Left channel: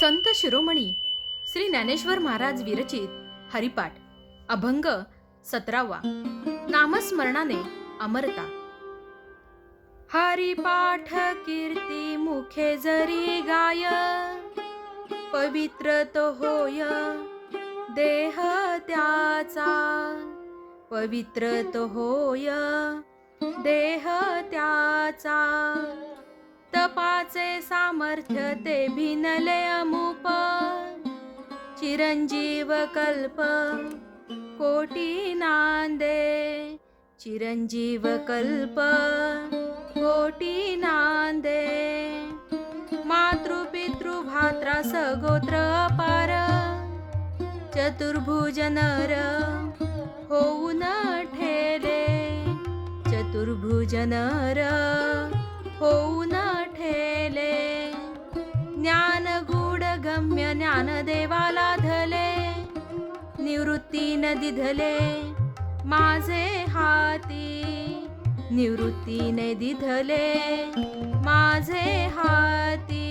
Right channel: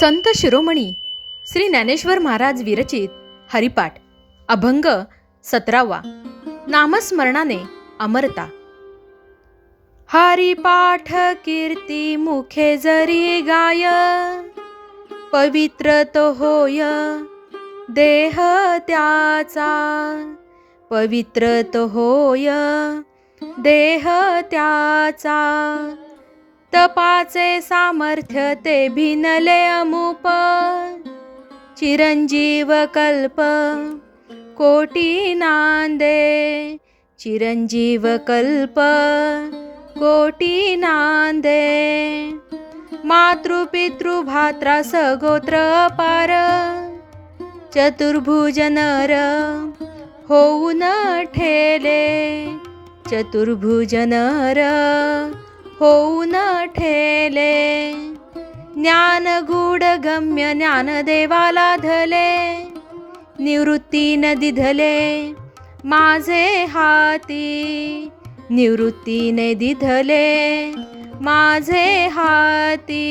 संत शिरोमणी श्री ज्ञानेश्वर महाराज विरचित हरिपाठ अभंग सतरावा नामस्मरणाने अमरता. हरिपाठ कीर्ती मुखे जरी गाय पवित्र तो होय देह त्याचा. पवित्र तो होय देह त्याचा. तपाचे सामर्थ्य ते भिनले अमुप. चिरंजीव कल्प कोटी नांदे. चिरंजीव कल्प कोटी नांदे. मातृपितृ भात्रा सगोत्र पार. चतुर्भुज नर होऊन ठेले. चतुर्भुज नर होऊन ठेले. ज्ञान गूढ गम्य ज्ञान देवाला धले. निवृत्ती न दिधले माझे हाती. निवृत्तीने दिधले माझे हाती.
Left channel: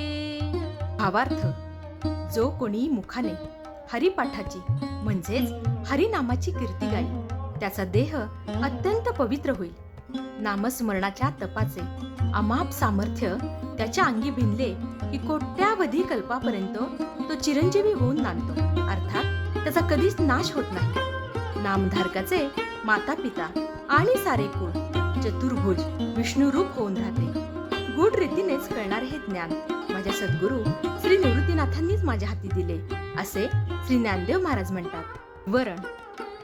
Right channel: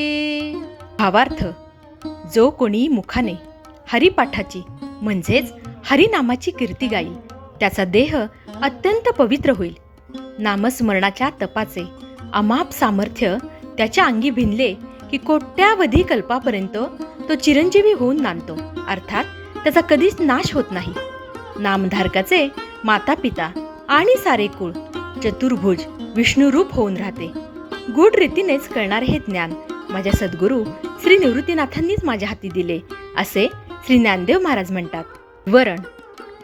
भावार्थ जो कोणी मुखाने हरिपाठाची म्हणजेच हरिनामाची कीर्ती गाईल त्याचा देह अत्यंत पवित्र होईल. नामस्मरणाच्या तपाचे अमाप सामर्थ्य त्याच्या अंगी भिनले की कोट्यावधी कल्पापर्यंत तो चिरंजीवी होऊन नांदतो. अर्थात त्याचा कधीच नाश होत नाही. नामधारकाचे माता पिता आणि सारे कुळ चतुर्भुज विष्णुरूप होऊन राहते. गूढ रीतीनेच कळणारे हे ज्ञान माझ्या सद्गुरू श्री निवृत्तीनाथांनीच माझ्या हाती दिले असे श्री ज्ञानदेव महाराज म्हणतात. वरण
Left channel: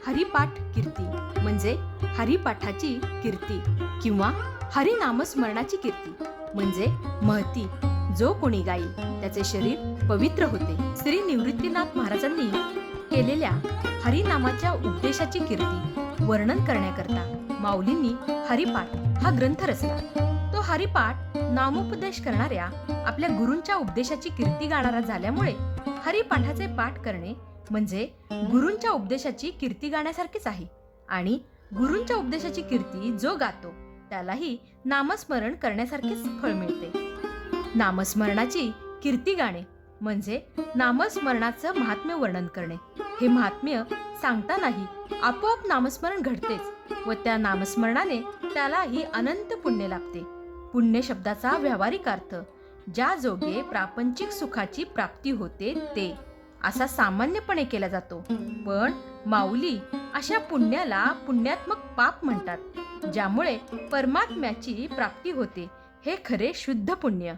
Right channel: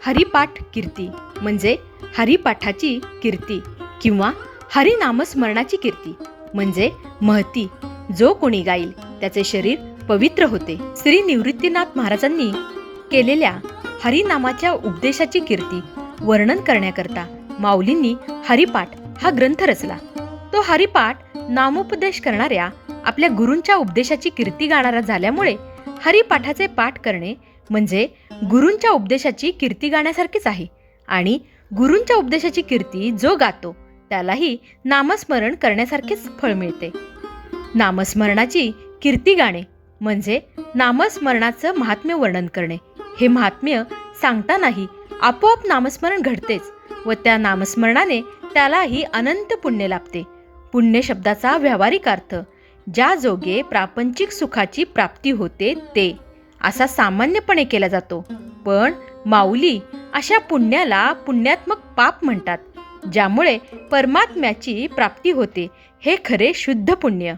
हरिपाठ कीर्ती म्हणजे हरिपाठाची कीर्ती किंवा हरिनामस्मरणाची कीर्ती. म्हणजे महती. जो कोणी गाईल त्याचे शरीर पवित्र होते. श्री निवृत्तीनाथ महाराजांनी केलेल्या हरिनामाच्या उपदेशाची कीर्ती वर्णन करण्याकरता माऊलींनी हरिपाठ हा ग्रंथ रचला. तो हरिपाठ नामोपदेश करणाऱ्या आपल्या गुरूंच्या उपदेशाची कीर्ती गाणारा झाल्यामुळे हरिपाठाचे पाठ करणे म्हणजे गुरूंच्या उपदेशाची कीर्ती गाण्यासारखीच आहे आणि गुरूंच्या उपदेशाची कीर्ती जो गातो त्यालाही नामस्मरण करण्यासारखेच फळ मिळते. नामस्मरणाची कीर्ती गाणे म्हणजे नामस्मरणाचं महात्म्य वर्णन करणे. हे महात्म्य सांगतानाही आपोआप नामस्मरण घडतेच व त्या नामस्मरणाने त्यालाही अनंत पुण्य लाभते. पुण्य शब्दाचा व्यावहारिक अर्थ ज्या जोगे प्रापंचिक सुखाची प्राप्ती होते ते असा सामान्यपणे केला जातो. पण माऊली अशा पुण्याला पुण्यात्मक पाप म्हणतात. ज्यामुळे परमात्म्याची प्राप्ती होते. हे खरे शुद्ध पुण्य.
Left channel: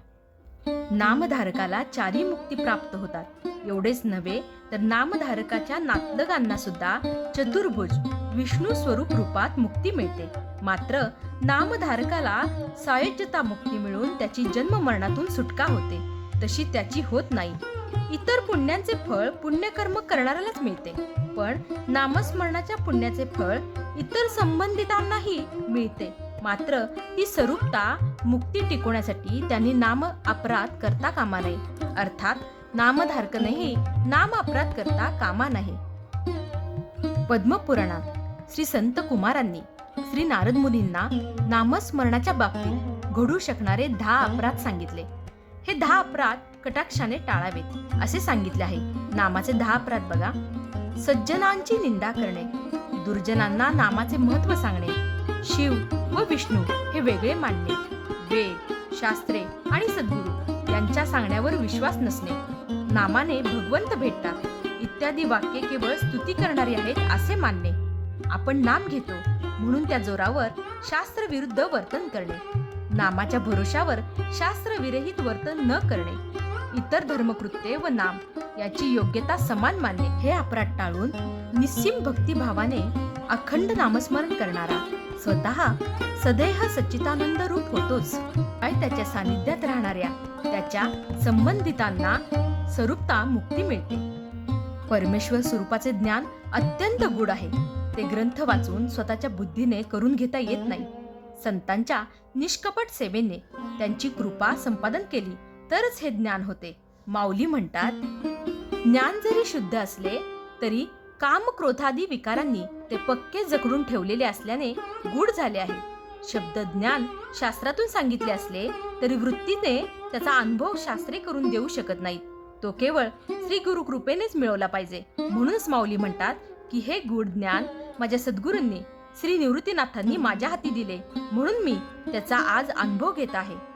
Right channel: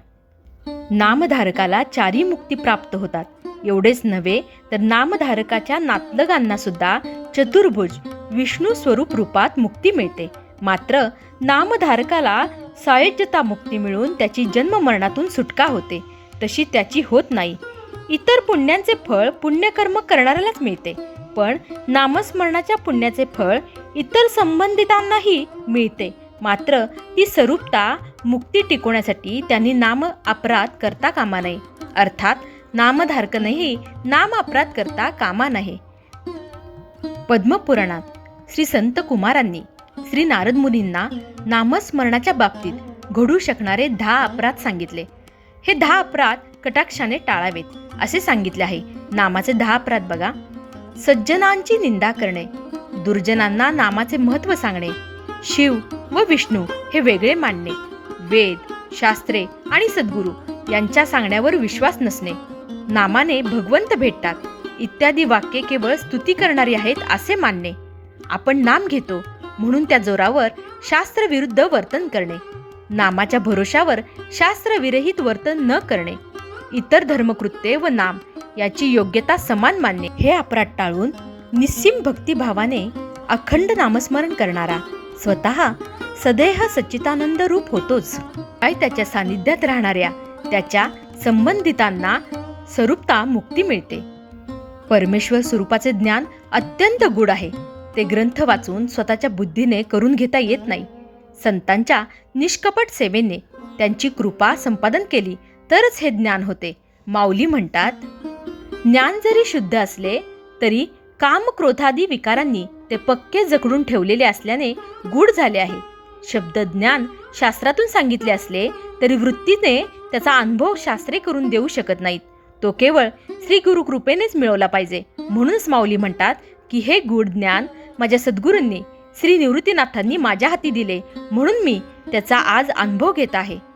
नामधारकाला चारी मुक्ती प्राप्त होतात. एवढेच नव्हे तर नामधारकाच्या नातलगांना सुद्धा चतुर्भुज विष्णू स्वरूप रूपात मुक्ती मिळते. मात्र नामधारकाला सायज्यता मुक्ती मिळून त्याची जन्म मरणातून सुटका होते. तशी त्याची होत नाही. इतर पुण्यांचे फळ पुण्यकर्म करणाऱ्यालाच मिळते. पण नामस्मरणाच्या पुण्याचे फळ इतर संबंधितांनाही मिळते. मात्र ही स्वरूपता मुक्ती टिकवण्यासाठी त्यांनी नाम अपराध करता कामा नये. अर्थात नामधारकनेही नाम अपराध करता कामा नये. पद्मपुराणात श्री संत कुमारांनी श्री नारद मुनींना नामस्मरणाच्या बाबतीत घडू शकणारे दहा अपराध सांगितले. हे दहा अपराध कटाक्षाने टाळावेत असे सांगितले आहे. नामाचे दहा अपराध बघा. सज्जनांची निंदा करणे दुर्जनांना नामाचे महत्त्व सांगणे शिव व विष्णू हे वेगळे मानणे वेद शास्त्रे आणि सद्गुरू यांच्या सांगण्यावर विश्वास नसणे नामाने भगवंत भेटतात इत्यादी वाक्ये केवळ स्तुती करणारी आहेत असे मानणे. आपण नाम घेतो म्हणून त्या जोरावर शास्त्रविरुद्ध वर्तन करणे नामाच्या भरोशावर शास्त्रविरहित वर्तन न करणे इतर धर्मकृत्ये व नाम याची योग्यता समान मानणे हे अपराध टाळून निस्सीम भक्तिभावाने अखंड नामस्मरण करणारा स्वतः सदैह सच्चितानंद रूप होतोच. काय त्याच्या सानिध्यात राहणाऱ्या त्याच्या संबंधितांना स्वरूपता मुक्ती मिळते. परमेश्वर स्वरूपाचे ज्ञान अत्यंत गुढ आहे. ते ग्रंथ वाचून स्वतःच्या बुद्धीने करून घेता येत नाही. संतांच्या निष्कपट सेवेने त्यांची कृपा संपादन केली तरच हे ज्ञान होते. माऊली म्हणतात ज्ञान जरी शुद्ध असले तरी काम क्रोधादी विकारांनी ते पक्के जखडून ठेवलेले असल्याने गूढ झाले आहे. शब्द ज्ञान शास्त्रातून सांगितले असले तरी वृत्तीने त्याचा अनुभव शास्त्रे करून देऊ शकत नाहीत. तो केवळ श्री गुरु कृपेनेच मिळवला पाहिजे. म्हणूनच माऊली म्हणतात की हे गूढ ज्ञान माझ्या सद्गुरूंनी श्री निवृत्तीनाथांनी माझ्या हाती दिले. म्हणून मी त्याचा आज अनुभव घेत आहे.